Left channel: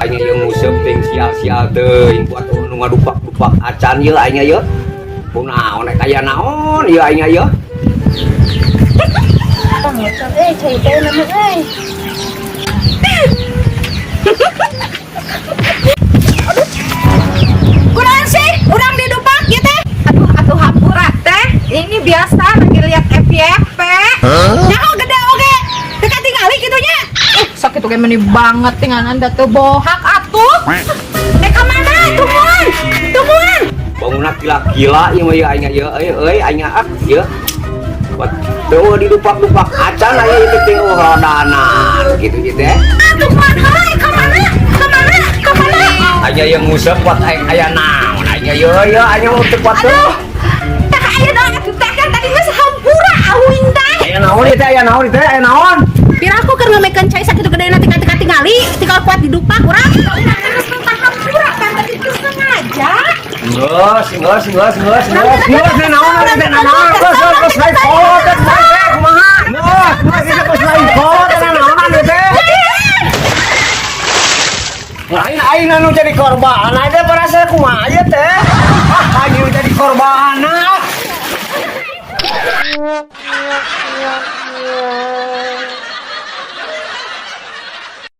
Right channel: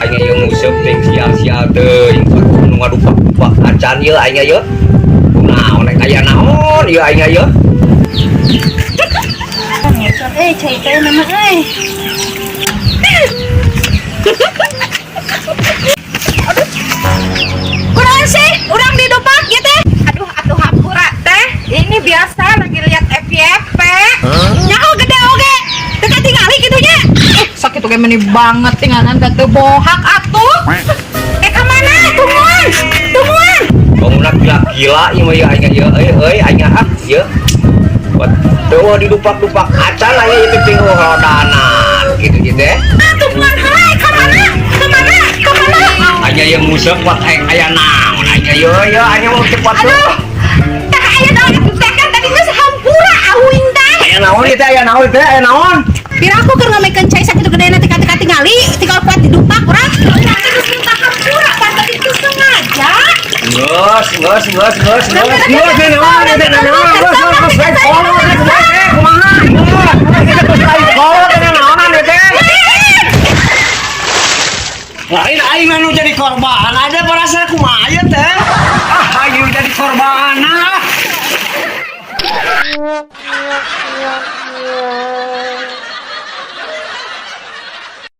Aing yang nguseup ting sia-sia teuing nu ngadupak-dupak acan ieu aing ieu. Kunaon aya naon ieu aing ieu? Ngecot cai teh nama Kurang sih, urang didupak ya teh. Aduh, atuh hampura teh. Ini biasa lagi lihat FYP. Nyaho gede oge. Teka tingali gitunya. Sakit oge meni banget tinganan da teu bohak atuh. Ka mana? Tungguan. Tungguan. Bangunan gila-gila ieu mah aing ieu euy aing ieu. Buat teu didupak-dupak acan aya itu ting rodanan gitu teh. Tungguan hai ka mana? Ka mana? Ka mana? Aing yang nguseup buat aya naon aing ieu aing mau cepat tuh. Tak aya naon atuh teh kan tadi geus hampura awing teh. Aya naon ieu teh aya naon? Pira aku keur ngamekeun cai sakitu gedena teka-teka tingali, tinggal kuat didupak urang. Urang geus minta hampura pan tadi teu sengaja. Geus naon geus lain kolot kumaha? Geus lain kolot naon teh? Lain aing anu jadi korban, ada perasa kumaha ieu teh? Ah, aing jadi korban.